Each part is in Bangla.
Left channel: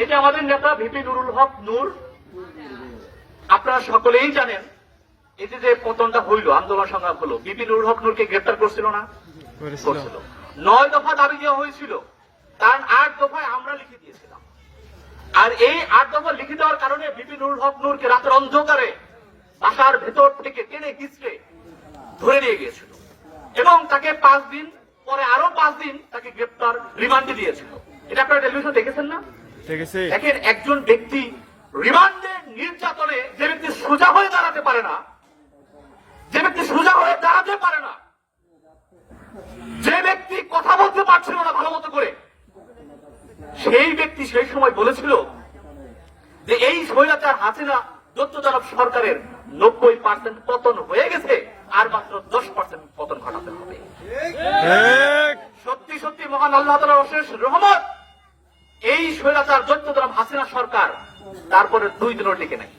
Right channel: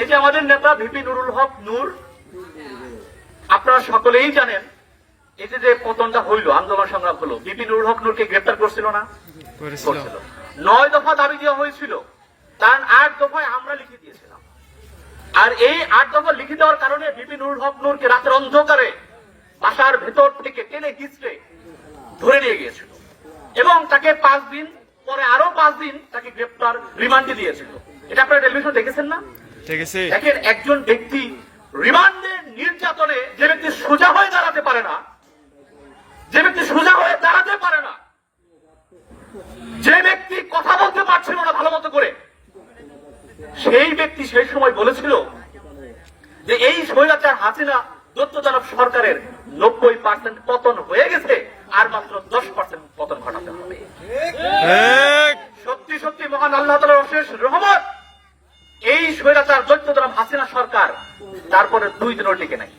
এই যে আমাদের নেতা ভিপি নুরুল হক নূর, আপনারা সকলেই জানেন এই যে পতনটা হইল, আন্দোলন সংগ্রাম হলো, ভিপি নুরুল হক নূরকে গ্রেপ্তার করছিল না? করেছিল। 9 দফা দাবি দেওয়া হয়েছিল, তার 8 দফায় আমরা লিখে দিয়েছিলাম। আর এই 8 দফা লিখে দেওয়ার কারণে ভিপি নুরুল হক নূরকে রাতের অন্ধকারে বাসার ভেতর থেকে টেনে হিঁচড়ে ধরে নিয়ে গিয়েছিল এবং তাকে 5 দিন পরে আরো 5 দিন তাকে গ্রেপ্তার রিমান্ডে দিয়েছিল। এটা আপনারা টেলিভিশন দেখেছেন না? দেখেন, একজন ব্যক্তি রিমান্ডে নির্যাতনে, যে ব্যক্তি সোজা হয়ে দাঁড়াতে পারে না, যে ব্যক্তি সোজা হয়ে দাঁড়াতে পারে না, যে ব্যক্তি কথা বলতে পারছিল না ভালো মতো করে, সেই ব্যক্তি সেই সময় বলেছিল যে এই স্বৈরাচার হাসিনা তত্ত্বাবধায়ক সরকারের 90% পতন হয়ে গেছে, আর মাত্র 10% পতন ঘটাতে হবে। সত্যি সত্যি মহান আল্লাহ তাআলার অশেষ রহমত, এই স্বৈরাচার তত্ত্বাবধায়ক হাসিনা সরকার তারপরে 2 দিনও টিকে নাই।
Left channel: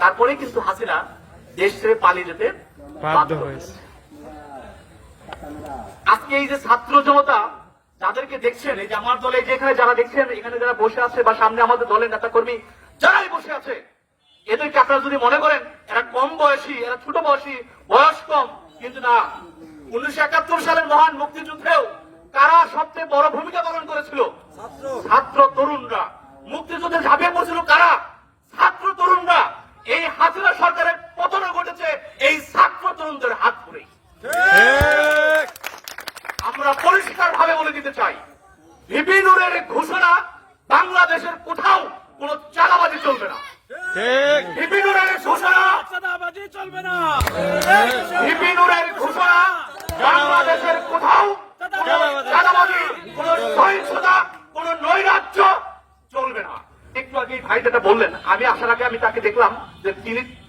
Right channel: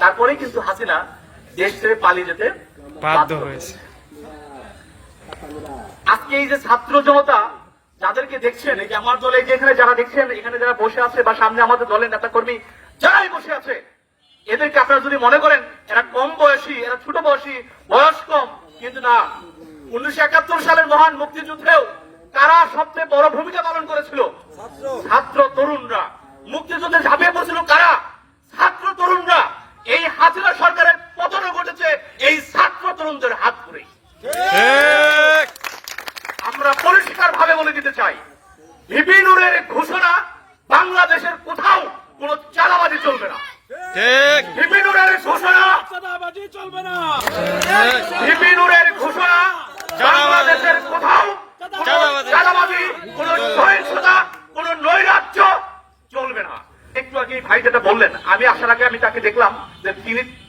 তারপরে কিন্তু হাসিনা দেশ ছেড়ে পালিয়ে যেতে বাধ্য হয়েছে। আজকে এই যে ছাত্র জনতা যাদেরকে দেখছেন, এই যে আমার দলে যেখানে যারা দেখছেন, এখানে যারা বসে আছে বা সামনে আমাদের দলের নেতা কর্মী যারাই বসে আছে, এদেরকে আপনারা যদি মনে করেন এরা কম বয়সী, এরা ছোট বয়সী, বয়স কম, কিন্তু না। 1971 সালের মহান মুক্তিযুদ্ধেও কারা সবচেয়ে বড় ভূমিকা পালন করেছিল? ছাত্র তরুণরা। মুক্তিযুদ্ধে ঝাঁপিয়ে পড়েছিল কারা? ছাত্র তরুণরা। এই হাসিনা সরকারের পতন ঘটেছে এই ছাত্র তরুণদের হাত ধরেই। আমরা পরিষ্কার ভাবে বলে দিতে চাই, ভিপি নুরের ঘোষণা বাংলাদেশের কোথাও কোন চাঁদাবাজি চলবে না। ভিপি নুরের ঘোষণা চাঁদাবাজি চলবে না। ভিপি নুরের ঘোষণা বাংলাদেশের কোথাও চাঁদাবাজি, কোন সহিংসতা, কোন নৈরাজ্য চলবে না। একটু আগে ভাই যেটা বললেন, আমি আসার আগে আমি তাকে দেখলাম যে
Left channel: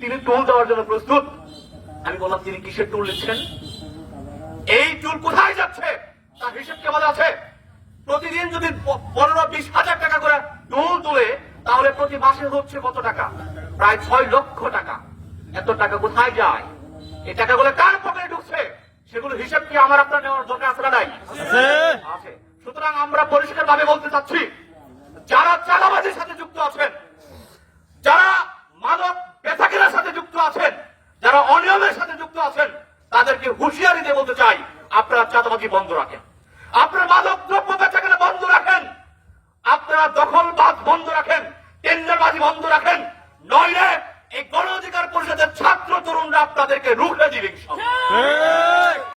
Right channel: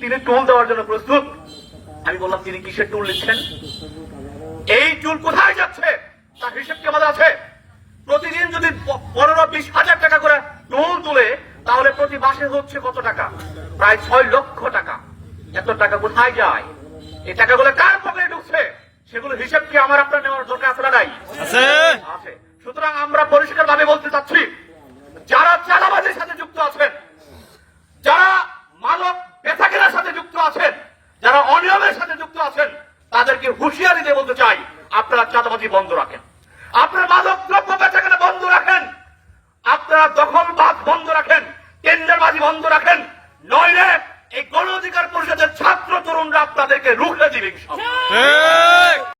তিনি টুল দেওয়ার জন্য প্রস্তুত। আমি বললাম, তিনি কিসের টুল নিচ্ছেন? এই টুল কোথায় যাচ্ছে তার হিসেব কেমন আছে? প্রতিদিন যদি 15-20 হাজার টাকা করে টুল তুলে, তাহলে প্রতি মাসে হচ্ছে কত টাকা? প্রায় 6 লক্ষ টাকা। এত টাকা কোথায় যায়? এই টাকাগুলো কার পকেটে ঢুকছে? সেগুলো হিসেব কি আমার আপনার নেওয়ার দরকার আছে না? নাই আছে। সুতরাং আমরা পরিষ্কার ভাবে বলতে চাচ্ছি, যারা চাঁদাবাজির সাথে যুক্ত আছেন, যারা মাদক বেচাকেনার সাথে যুক্ত আছেন, যারা অনিয়মের সাথে যুক্ত আছেন, তাদেরকে হুঁশিয়ারি দিয়ে বলতে চাই, আপনারা চাঁদাবাজি বন্ধ রাখেন, আপনারা মাদক দ্রব্য বেচাকেনা বন্ধ রাখেন, আপনারা দখলবাদ বন্ধ রাখেন, টেন্ডারবাজি বন্ধ রাখেন, নইলে এই গণ অধিকার পরিষদের ছাত্র তরুণরা আপনাদেরকে রুখে দিবে।